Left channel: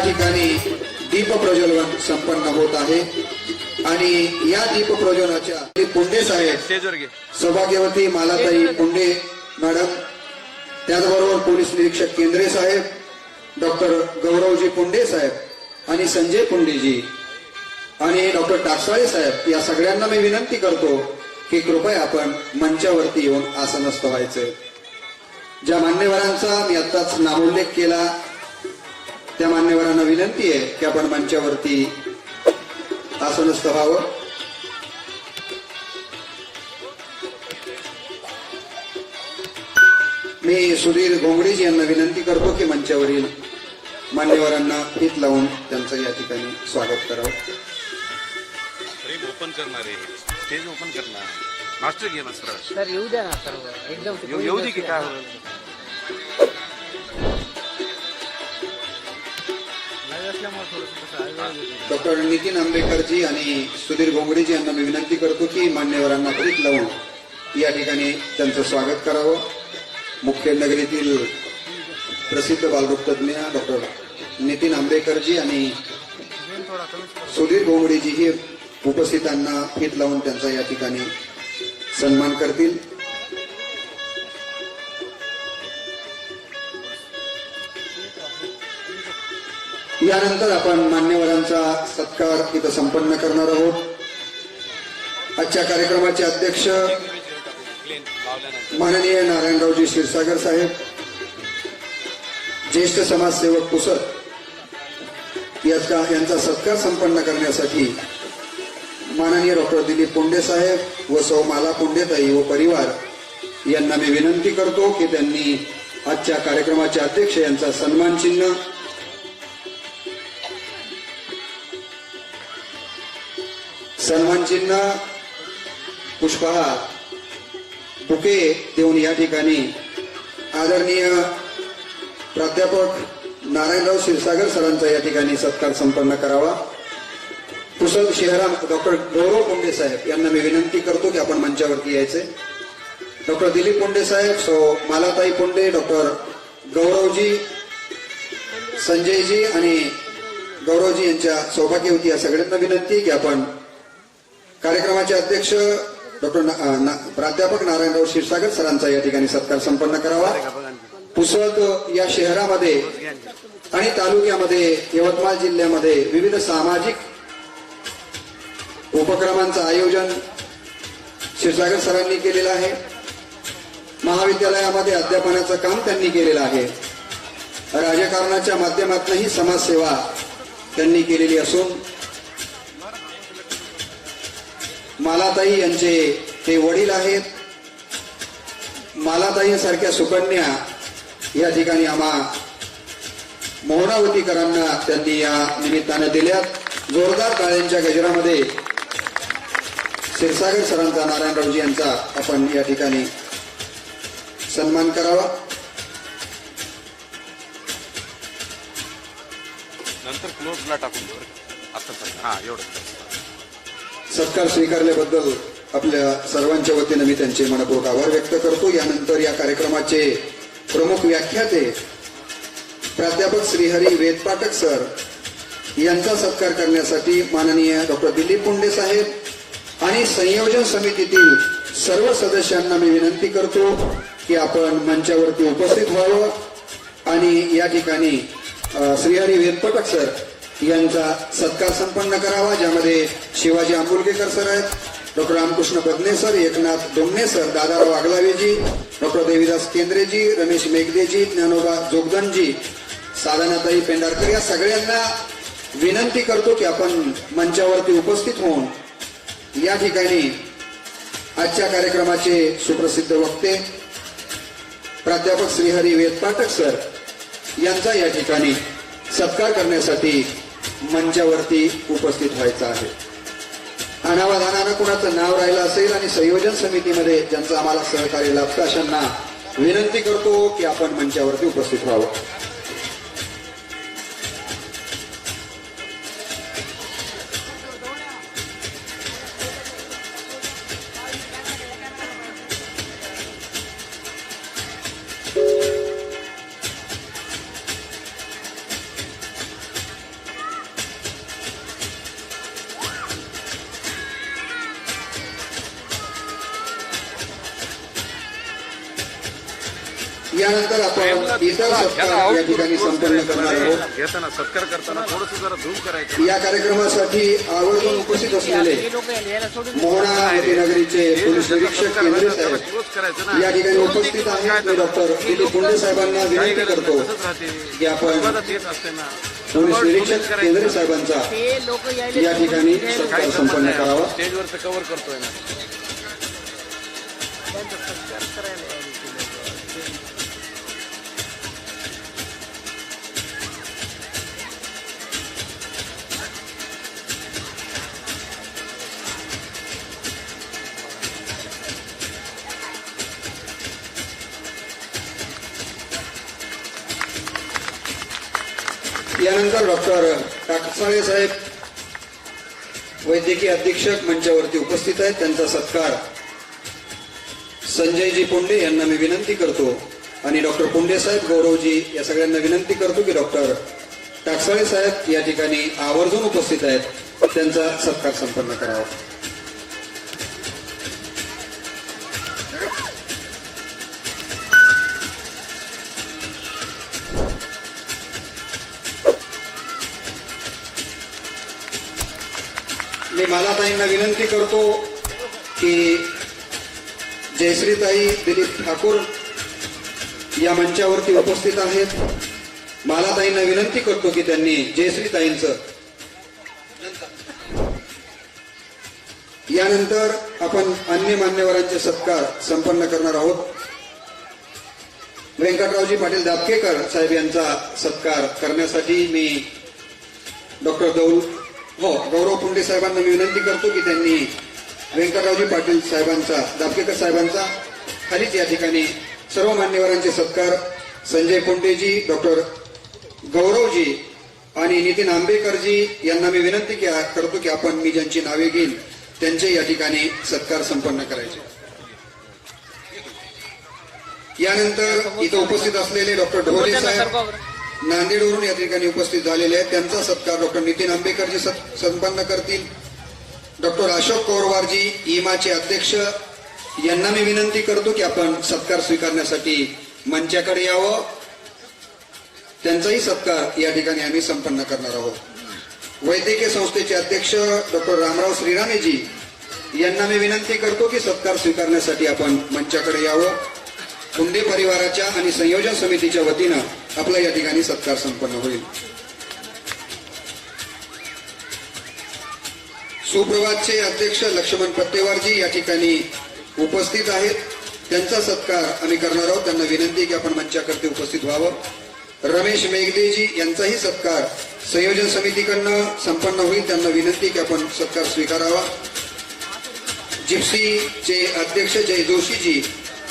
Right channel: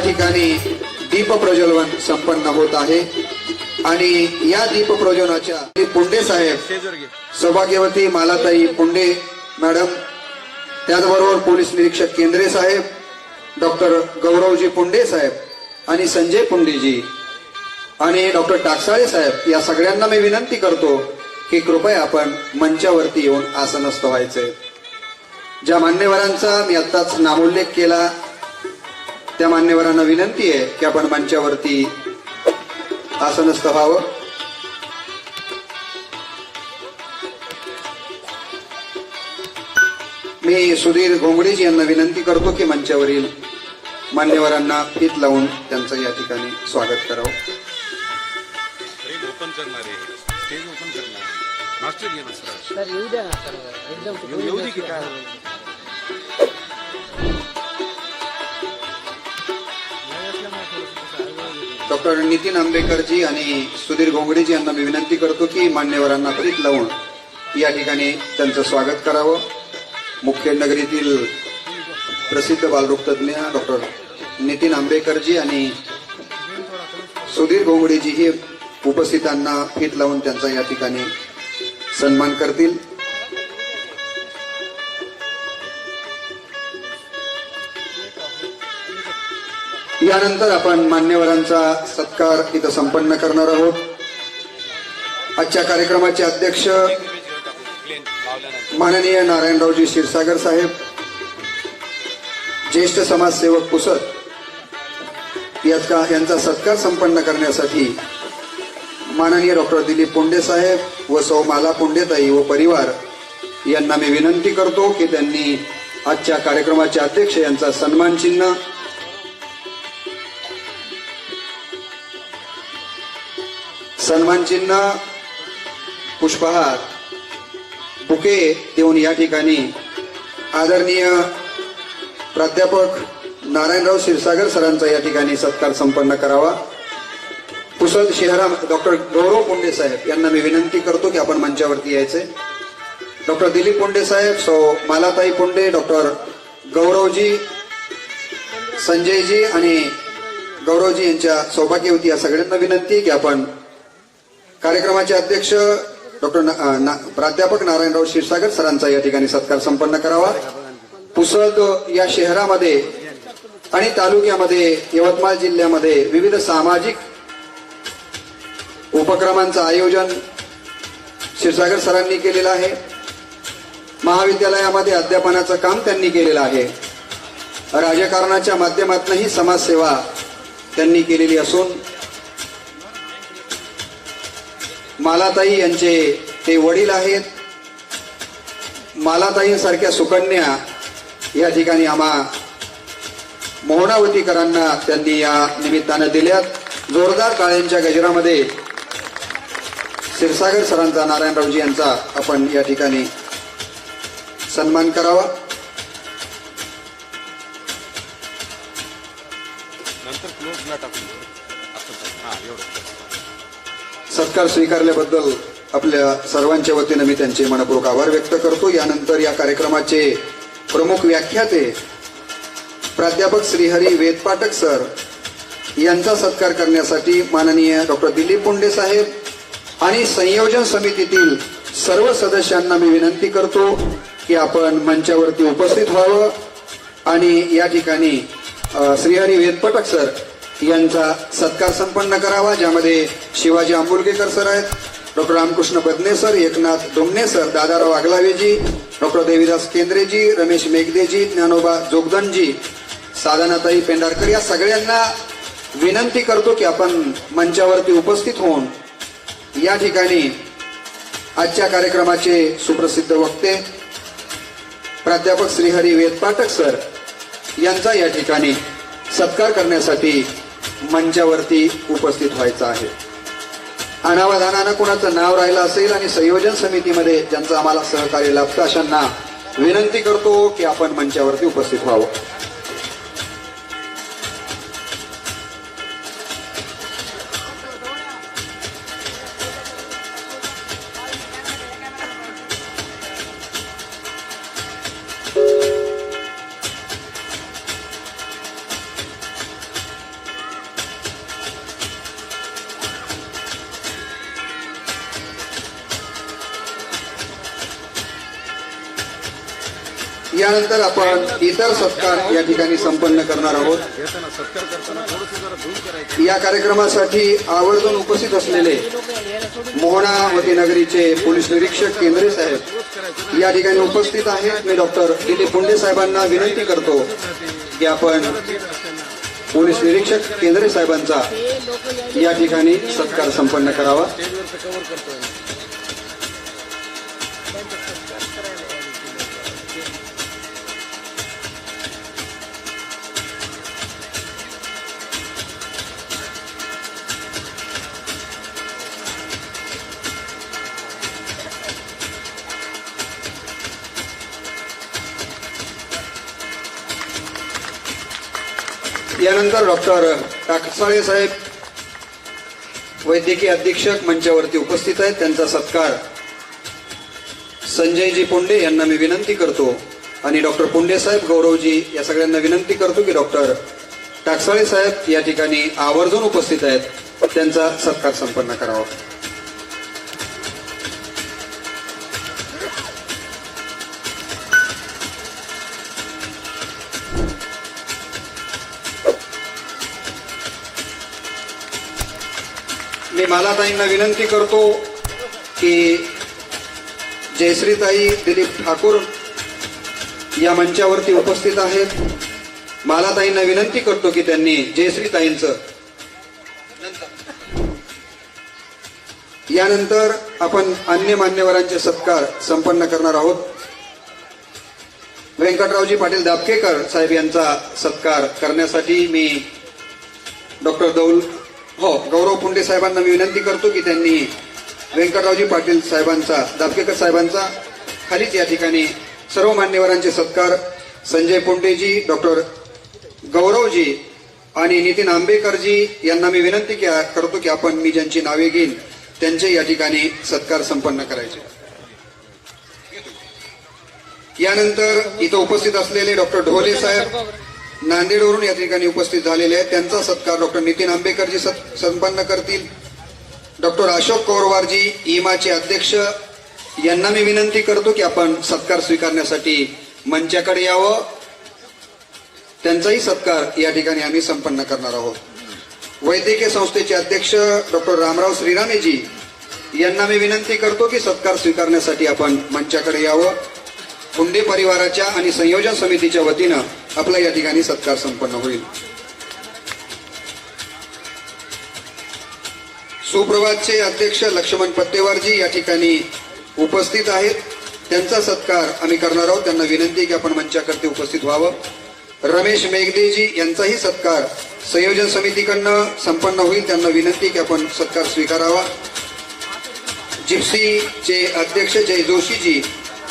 ठिकाणी दीप प्रज्वलन संपन्न होत आहे. आणि या दीप प्रज्वलनाच्या पुंडे साहेब सौभाग्यवती मालाताई पुंडे मॅडम त्याचबरोबर पोलीस निरीक्षक केंद्रे साहेब डॉक्टर गौरवजी पुंडे साहेब आणि संजय पुंडेजी आणि डॉक्टर टाकसाळे साहेब या सगळ्यांना मी विनंती करतो की कृपया आपण मंचावरती येऊन आसनस्थ व्हायचे. ज्या मान्यवरांचा मी आत्ताच नामोल्लेख केला त्या मान्यवरांना विनंती आहे की आपण मंचावरती आसनस्थ व्हावं मी सुधीर घोंगडेजी यांना विनंती करतो की मंचावरील मान्यवरांना फीत लावून त्यांचं या ठिकाणी स्वागत करावं. ओपन करणार आहे. स्टेज ओपन करणार मास्टर घे ना सर सर येऊ द्या ना सर्व. एकदम येऊ दे की काय? डॉक्टर नितीन आंबेकरजी आणि सुधीर घोंगडेजी यांना मी विनंती करतो की मान्यवरांना फीत लावून या ठिकाणी त्यांचं स्वागत करावं. मुख्य नगरीतील प्रसिद्ध बालरोगतज्ञ डॉक्टर नितीन आंबेकरजी आणि सुधीर घोंगडेजी हे उपस्थितांना फीत लावून त्यांचा या ठिकाणी सन्मान करतील. यानंतर आपण मान्यवरांचा सत्कार इथं संपन्न करणार आहोत. आजच्या कार्यक्रमाचे अध्यक्ष माननीय नारायणरावजी क्षीरसागर साहेब ज्येष्ठ समाजसेवक पुसद याचा यांचा सत्कार संपन्न करण्यासाठी माननीय डॉक्टर दिलीप पुंडे साहेब व सौ माला पुंडेताई व परिवार यांना मी विनंती करतो की त्यांनी आजच्या कार्यक्रमाचे अध्यक्ष यांचा सन्मान चिन्ह सन्मानचिन्ह पुष्पहार बुके देऊन या ठिकाणी आदरणीय प्राध्यापक नारायणराव क्षीरसागर सरांचा या ठिकाणी सत्कार संपन्न करावा. पुसद शहरा डॉक्टर गौरव कोंडे साहेब यांना मी विनंती करतो की आपण मंचावरती यायचे. डॉक्टर दिलीप कोंडे साहेब सौ मालाताई कोंडे डॉक्टर गौरवजी संजयजी आणि गौरवजी यांच्या सौभाग्यवती या सगळ्यांना विनंती की आपण कार्यक्रमाचे अध्यक्ष डॉक्टर ना- ना- प्राध्यापक नारायणराव क्षीरसागर सरांचा या ठिकाणी सत्कार संपन्न करावा. पुसद या शहरामध्ये आणि तालुक्यामध्ये यवतमाळ जिल्ह्यामध्ये विविध सामाजिक उपक्रमांचं आयोजन क्षीरसागर सरांनी केलेलं आहे. महाविद्यालयामध्ये अध्यापनाचं काम त्यांनी केलेलं आहे. राजकारणाच्या माध्यमातूनही समाजसेवा त्यांनी केलेली असून मालाताई यांचे ते वडील आहेत. मालाताईंसारख्या सुकन्या या ठिकाणी आम्हा मोहनावतीकरांना त्यांनी या निमित्तानं दिल्यात. जोरदार काळ्यांच्या गजरामध्ये क्षीरसागर सरांचा नारायणरावजी यांचा आपण या ठिकाणी सन्मान करावा. नंतर क्लोजला टाकून हा एवढं. सत्कार स्वीकारल्याबद्दल आपल्या सर्वांच्या वतीनं मी त्यांचे मनपूर्वक आभार व्यक्त करतो. यानंतर या कार्यक्रमाचे प्रमुख व्याख्याते प्राध्यापक श्रीहरी वेदपाठक सर यांचा सत्कार करण्यासाठी माननीय डॉक्टर दिलीप पुंडे साहेब आणि संयोजन समितीतील सर्व सदस्यांना मी विनंती करतो की आपण मंचावरती उपस्थित व्हावं. आणि या ठिकाणी श्रीहरी वेदपटक सर यांचा सत्कार संपन्न करावा ज्यामध्ये शिवाजी आंबुलगेकर सर आहेत. Doctor Ramkrishna Badne sir Eknath Dongne sir Dadarao आगलावेजी doctor Devidas केंद्रेजी Ramesh मेघदेजी Dnyanoba जोगदनजी Sadhanatai Pendharkar या सगळ्यांना विनंती करतो की आपण मंचावरती उपस्थित होऊन या ठिकाणी आजच्या कार्यक्रमाचे सुप्रसिद्ध वक्ते प्राध्यापक श्रीहरी वेदपाठक सर यांचा या ठिकाणी सत्कार करण्यासाठी मंचावरती उपस्थित व्हायचं आहे. अनावधानानं कुणाचं नाव राहिलं असेल आणि संयोजन समितीमध्ये ज्यांचं आम्हाला सहकार्य लाभतं अशांना विनंती करतो की आपण मंचावरती उपस्थित व्हावं. यानंतर आपण इतर सत्कार या ठिकाणी संपन्न करणार आहोत. या कार्यक्रमासाठी आवर्जून उपस्थित असलेले मोहणा नगरीचे पोलीस निरीक्षक केंद्रे साहेब या ठिकाणी उपस्थित आहेत. मी डॉक्टर दिलीप पुंडे साहेबांना विनंती करतो की आपण पोलीस निरीक्षक केंद्रे साहेबांचा या ठिकाणी सत्कार संपन्न करावा. यानंतर डॉक्टर टाकसाळे साहेब वैद्यकीय अधीक्षक मंचावरती उपस्थित आहेत. त्यांचा सत्कार संजयजी पुंडे यांना मी विनंती करतो आणि डॉक्टर पुंडे साहेब गौरवजी या सगळ्यांना विनंती करतो की डॉक्टर टाकसाळे साहेब या ठिकाणी आवर्जून उपस्थित आहेत. त्यांचा सत्कार संपन्न करावा. मी मालाताईंना विनंती करतो की जयश्रीताई दिलीप ठाकूर या मंचावरती उपस्थित आहेत. मालाताईंना विनंती करतो की त्यांनी जयश्रीताईंचं यानंतर आपण अन्य मान्यवरांचे सत्कार संपन्न करणार आहोत. व्यंकटरावजी पाटील दाबकेकर साहेब यांचा सत्कार करण्यासाठी मी डॉक्टर दौल हो गौरव पुंडे साहेबांना मी विनंती करतो की त्यांनी व्यंकटरावजी पाटील साहेबांचा दापकेकर साहेबांचा खालीच या ठिकाणी सर्व मान्यवरांचे सत्कार. संजय पुंडेजी डॉक्टर गौरवजी आणि नितीन आंबेकरजी यांना मी विनंती करतो की आपण मी ज्यांची नावे घेईन त्यांचे या ठिकाणी सत्कार संपन्न करायचे. यानंतर इथं उपस्थित असलेले डॉक्टर ढोले साहेब नांदेडवरून या ठिकाणी उपस्थित झालेले आहेत. त्यांचा सत्कार डॉक्टर नितीन आंबेकरजी संपन्न करतील. डॉक्टर अशोक कौरवारजी इमाचे अध्यक्ष. यांना मी विनंती करतो की आपण सत्कार स्वीकारण्यासाठी मंचाकडे यावं. त्यांचाही सत्कार या ठिकाणी आम्ही संपन्न करणार आहोत. वैद्यकीय संस्थेचे अध्यक्ष डॉक्टर रामराव श्रीरामेजी यांना मी विनंती करतो की सत्कार स्वीकारण्यासाठी आपण मंचाकडे यावं. कुंडे परिवाराच्या आणि संयोजन समितीच्या वतीनं आपला या ठिकाणी सत्कार संपन्न होईल. सुप्रभातचे अध्यक्ष लक्ष्मण पत्तेवारजी या ठिकाणी उपस्थित आहेत. त्यांचा सत्कार आम्ही करणार आहोत. त्यांना विनंती की आपण मंचाकरते उपस्थित व्हावं. रमेश मेघदेजी यांचाही सत्कार संयोजन समितीकडनं संपन्न होईल. त्यांना विनंती की आपण सत्कार स्वीकारावा. जिप्सीचे अध्यक्ष जय जोशीजी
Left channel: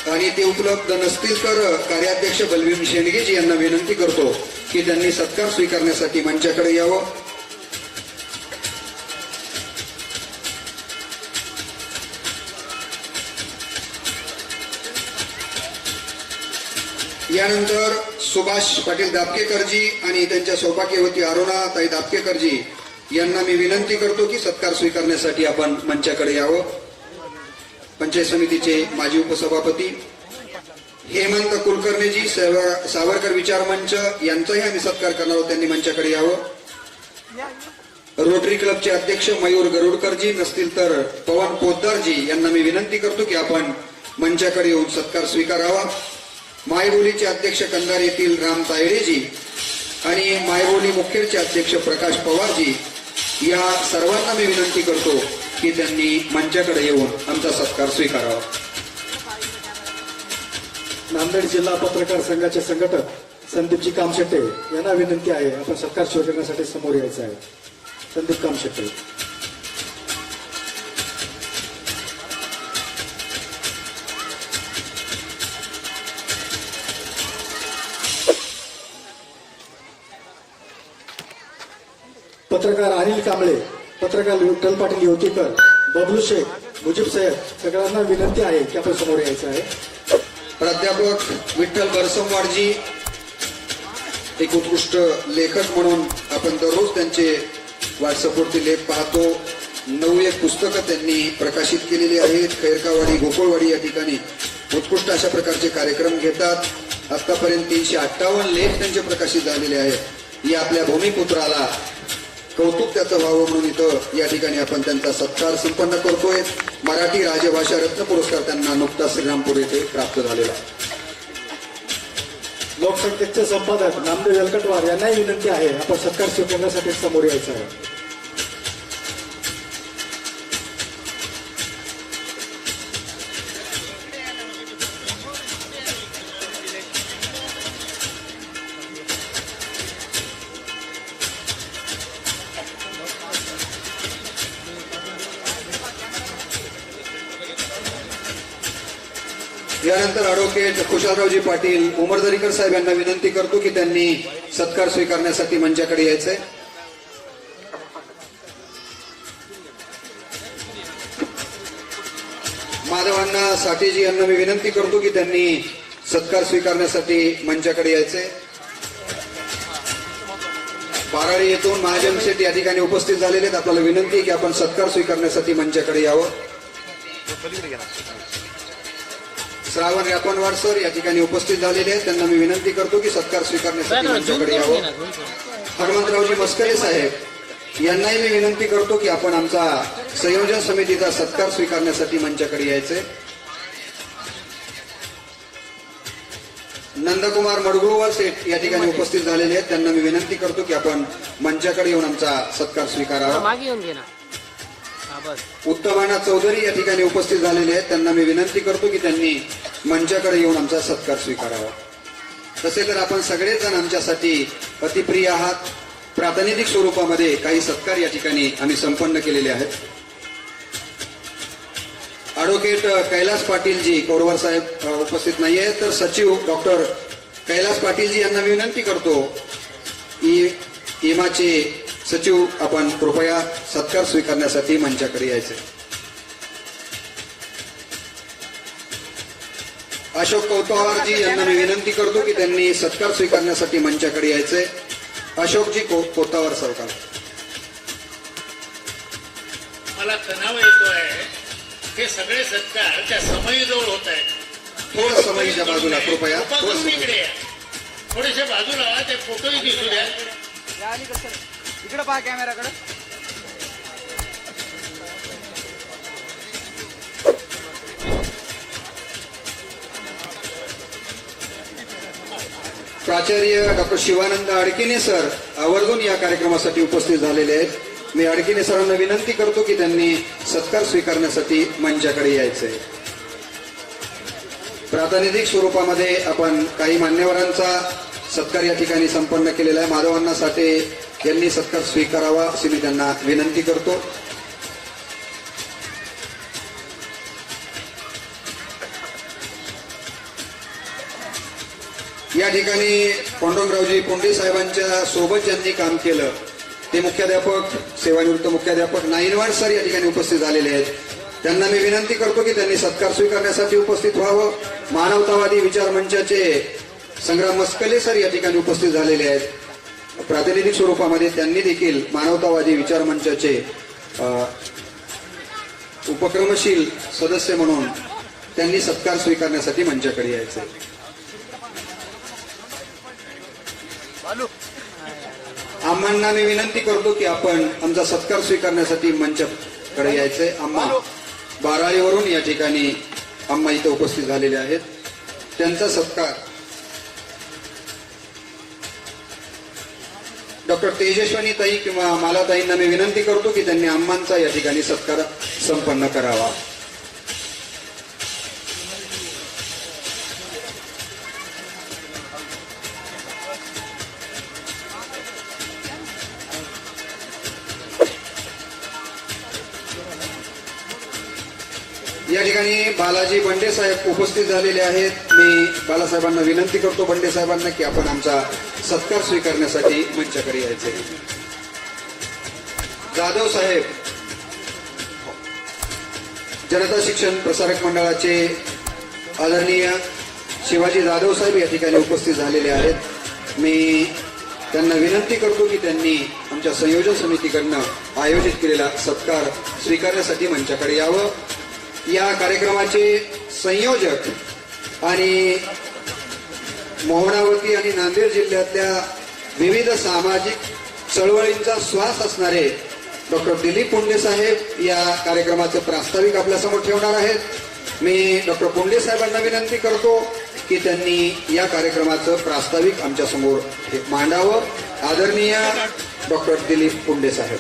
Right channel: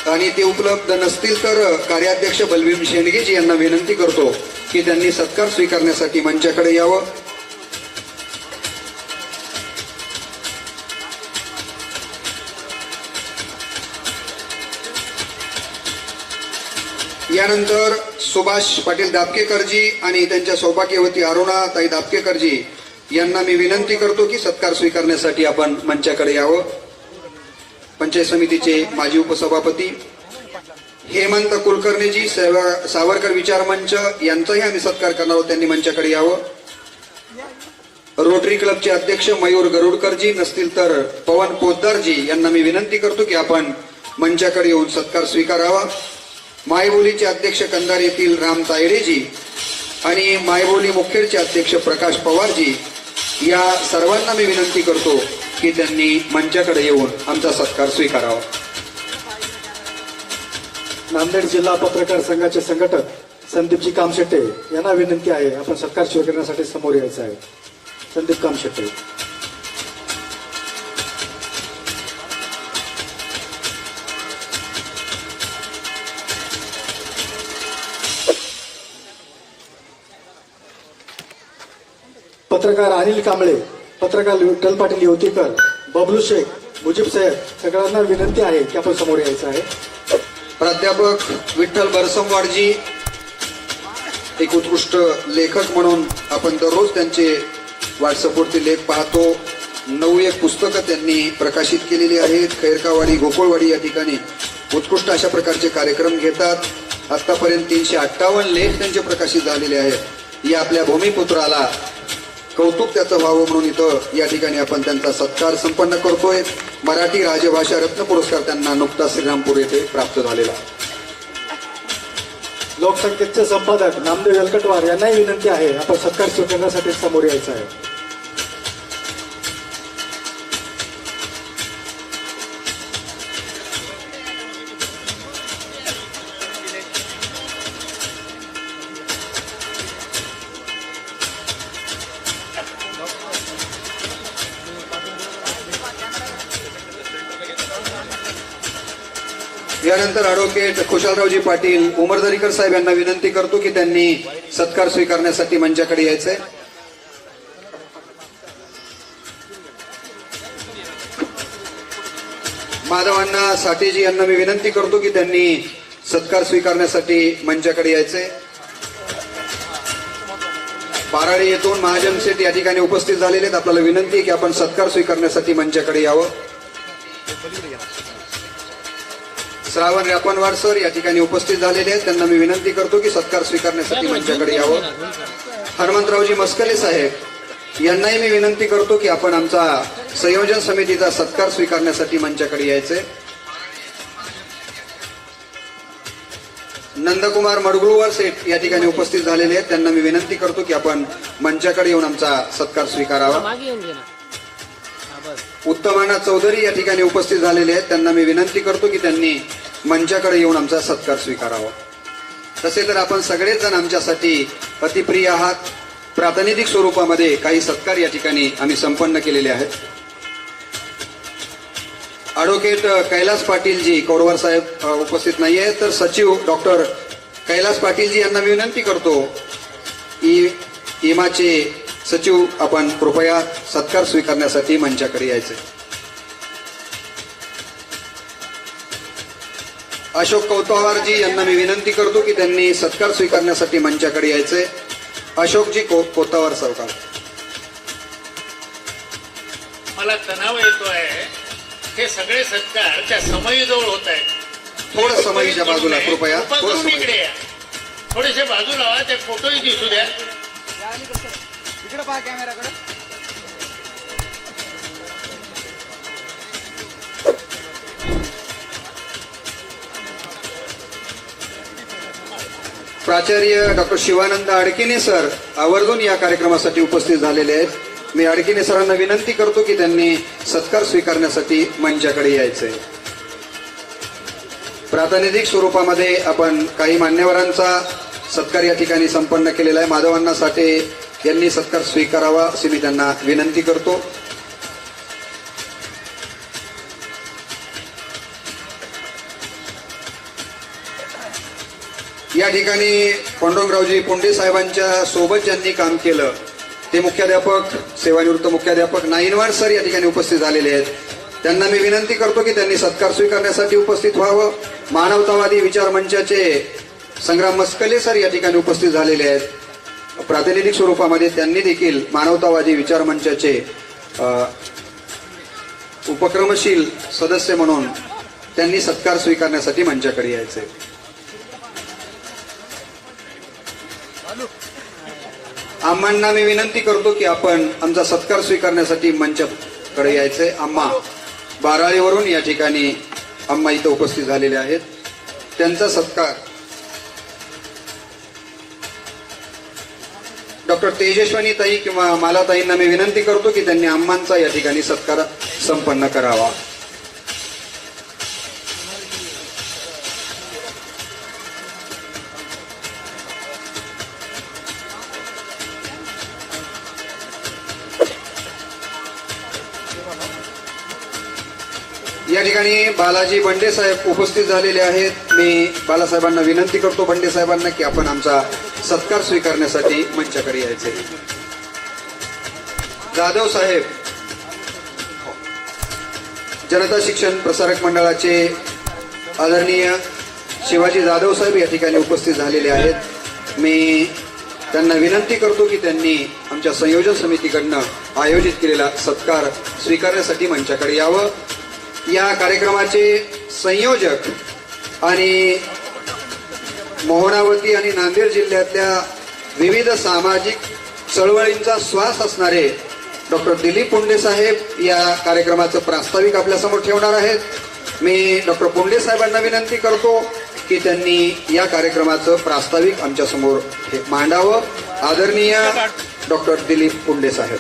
आणि ते उपलब्ध नसतील तर कार्याध्यक्ष बलवीम शेंडगेजी यांना विनंती करतो की त्यांनी सत्कार स्वीकारण्यासाठी मंचाकडे यावं. यानंतर सुभाष पाटील दापकेकरजी आणि त्यांच्या सौभाग्यवती अरुणा ताई दापकेकरजी यांना मी विनंती करतो की सत्कार स्वीकारण्यासाठी आपण मंचाकडे यावं. पंचायत समितीचे माजी उपसभापती हेमंत कुलकर्णीजी सावरकर विचार मंच यांचाही आम्ही सत्कार करणार आहोत. त्यांनी मंचाकडे यावं. रोटरी क्लबचे अध्यक्ष मयूर गरुडकरजी नसतील तर पवन पोद्दारजी यांना मी विनंती करतो की आपण मंचाकडे येऊन सत्कार स्वीकारावा. मायबोलीचे अध्यक्ष कंधार येथील राम तायडेजी आणि मायबोली मुखेडचे अध्यक्ष प्रकाश पवारजी या सर्वांना मी विनंती करतो. की त्यांनी मंचाकडे येऊन आमचा सत्कार स्वीकारावा. नांदेड जिल्हा पत्रकार संघाचे संघटक संदीपजी कामशेट्टे यांना विनंती आहे आपण सत्कार स्वीकारण्यासाठी समोर यायचं आहे. संदीप कामशेट्टे. पत्रकार अनिल कांबळे पत्रकार विठ्ठल पाटील येवतीकर बबलू शेख मुजीब साहेब सगळ्यांना विनंती आहे की आपण समोर यायचं आहे. प्राध्यापक विठ्ठल बरसमवाडजी एक उत्कृष्ट लेखक म्हणून आपण दररोज त्यांचे व्हॉट्सअपवरती लेख पाहतो. नऊ एक पुस्तकं त्यांनी प्रकाशित केलेली आहेत. खैरकावाडी गोकुळवाडी या ठिकाणी उत्कृष्ट अशा प्रकारचे कार्यक्रम घेतात. आतापर्यंत तीनशे अठ्ठावन्न लेख त्यांचे प्रकाशित झालेले आहेत. या आपल्या भूमिपुत्राला कौतुक त्याचं व्हावं म्हणून इथं या ठिकाणी आपण त्यांचा सत्कार संपन्न करतोय. मराठी राजभाषा रत्न पुरस्कार त्यांना नुकताच श्रीरामपूर येथे प्राप्त झालेला. लोकसंख्येचे संपादक नामदेव यलकटवार यांनाही विनंती आहे आपण सत्कार स्वीकारण्यासाठी समोर यायचं आहे. यानंतर अॅडव्होकेट खुशालरावजी पाटील उमरदरीकर साहेब यांना विनंती करतो की त्यांनी सत्कार स्वीकारण्यासाठी मंचाकडे यायचंय. माधवांना साठेजी यांना मी विनंती करतो की त्यांनी सत्कार स्वीकारण्यासाठी मंचाकडे यायचंय. बाराडे येथून महाजन सेठ या ठिकाणी उपस्थित झालेले आहेत. आपल्याला विनंती की आपण सत्कार स्वीकारण्यासाठी मंचाकडे यावं. श्रावण रापणवार सर या ठिकाणी उपस्थित झालेले आहेत. त्यांना मी विनंती करतो की सत्कार स्वीकारण्यासाठी मंचाकडे यावं. हनुमंतरावजी मस्करे साहेब यांनाही मी विनंती करतो की आपण आमचा संयोजन समितीचा सत्कार स्वीकारण्यासाठी मंचाकडे यायचे. नंदकुमार मडगुळवार सेठ या ठिकाणी उपस्थित झालेले आहेत. त्यांना मी विनंती करतो की आपण मंचाकडे येऊन आमचा सत्कार स्वीकारावा. उत्तमाना चौधरी या ठिकाणी उपस्थित झालेले आहेत. त्यांना मी विनंती करतो की त्यांनी मंचाकडे येऊन आमचा सत्कार स्वीकारावा. तसे तर आपण सगळेच जण आमच्यासाठी पतिप्रिय आहात. प्रातिनिधिक स्वरूपामध्ये काही सत्कार या ठिकाणी आम्ही संपन्न केलेले आहेत. ॲडव्होकेट कैलास पाटीलजी कौरवर साहेब उपस्थित नाही आहेत. तर सचिव डॉक्टर कैलास पाटीलजी यांना विनंती करतो ई इमाचे सचिव आपण कृपया सत्कार स्वीकारण्यासाठी मंचाकडे यायचे. अशोक कौतवारजी यांना मी विनंती करतो की त्यांनी सत्कार स्वीकारण्यासाठी मंचाकडे यायचे. अशोकजी को- कोतावार सरकार मला तणाव येतोय. हे सगळे सत्कार त्या समयीजवळ होत आहेत. थोडं समईच्या बाजूला कृपया. थोडेसे बाजूला ते फोटोही दिसू द्या. इकडे पहा कॅमेराकडे. प्राचार्य डॉक्टर शिवानंद अडकिने सर आवर्जून या कार्यक्रमासाठी उपस्थित झालेले आहेत. मी अडकिने सरांना विनंती करतो की त्यांनी सत्कार स्वीकारण्यासाठी मंचाकडे यायचंय. प्रातिनिधिक स्वरूपामध्ये आपण काही मान्यवरांचा सत्कार या ठिकाणी संपन्न केलेला आहे. माधवांना साठे यांनी सत्कार स्वीकारावा अशी मी त्यांना विनंती करतो. या ठिकाणी पांडुरंगरावजी पोंडे साहेबांच्या सोबत ज्यांनी काम केलं ते मुख्याध्यापक सेवानिवृत्त मुख्याध्यापक नाईनवाड सर या ठिकाणी उपस्थित झालेले आहेत. त्यांना मी विनंती करतो की त्यांनी सत्कार स्वीकारण्यासाठी उपस्थित व्हावं. मानवतावादी विचार मंचाचे संग्राम मस्कले सर या ठिकाणी उपस्थित झालेले आहेत. प्रातिनिधिक स्वरूपामध्ये त्यांनी देखील मानवतावादी विचार मंचाचे उपक्रमशील सदस्य म्हणून त्यांनी सत्कार स्वीकारण्यासाठी मंचाकडे यायचे. आम्हांना मी विनंती करतो की आपण आमचा सत्कार स्वीकारण्यासाठी मंचाकडे यायचंय आम्हा बाराळीवरून या ठिकाणी आम्हा इथं उपस्थित झालेले आहेत. त्यांचा सत्कार डॉक्टर तेजस्वनी ताई किंवा मालाताईंना मी विनंती करतो की त्यांनी आम्हांचा या ठिकाणी सत्कार संपन्न करावा. बालाजी बंडे साहेब उपस्थित झालेले आहेत. मी बालासाहेबांना विनंती करतो बंडे साहेबांना की आपण आमचा सत्कार स्वीकारण्यासाठी मंचाकडे यायचे. जाधव साहेब जनता शिक्षण प्रसारक मंडळाचे आदरणीय शिवाजी जाधव साहेब या ठिकाणी उपस्थित झालेले आहेत. मी त्यांना विनंती करतो की त्यांनी आमच्या संयोजन समितीकडनं आयोजित केलेला सत्कार स्वीकारण्यासाठी मंचाकडे यावं. या कार्यक्रमाचे संयोजक आणि मोहनावती आणि नांदेड जिल्ह्यातल्या विविध सामाजिक चळवळींचा श्वास असणारे डॉक्टर दिलीप पुंडेसाहेब या कार्यक्रमाचं प्रास्ताविक आपल्यासमोर ठेवणार आहेत. मी डॉक्टर पुंडे साहेबांना विनंती करतो की त्यांनी या कार्यक्रमाचं प्रास्ताविक आमच्यासमोर मांडावं. आदरणीय डॉक्टर दिलीप पुंडे साहेब.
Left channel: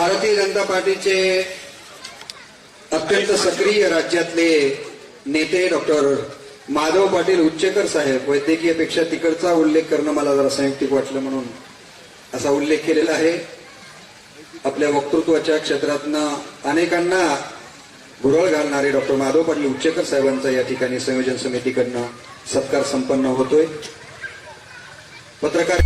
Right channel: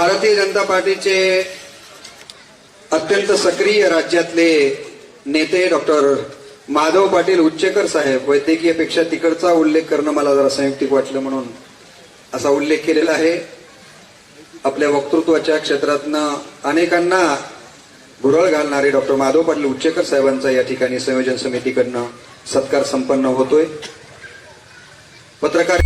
भारतीय जनता पार्टीचे अत्यंत सक्रिय राज्यातले नेते डॉक्टर माधव पाटील उच्चेकर साहेब वैद्यकीयपेक्षा तिकडचा उल्लेख करणं मला जरा संयुक्तिक वाटलं म्हणून असा उल्लेख केलेला आहे. आपल्या वक्तृत्वाच्या क्षेत्रातनं अनेकांना भुरळ घालणारे डॉक्टर माधव पाटील उच्चेकर साहेबांचा या ठिकाणी संयोजन समितीकडनं सत्कार संपन्न होतोय. पत्रकार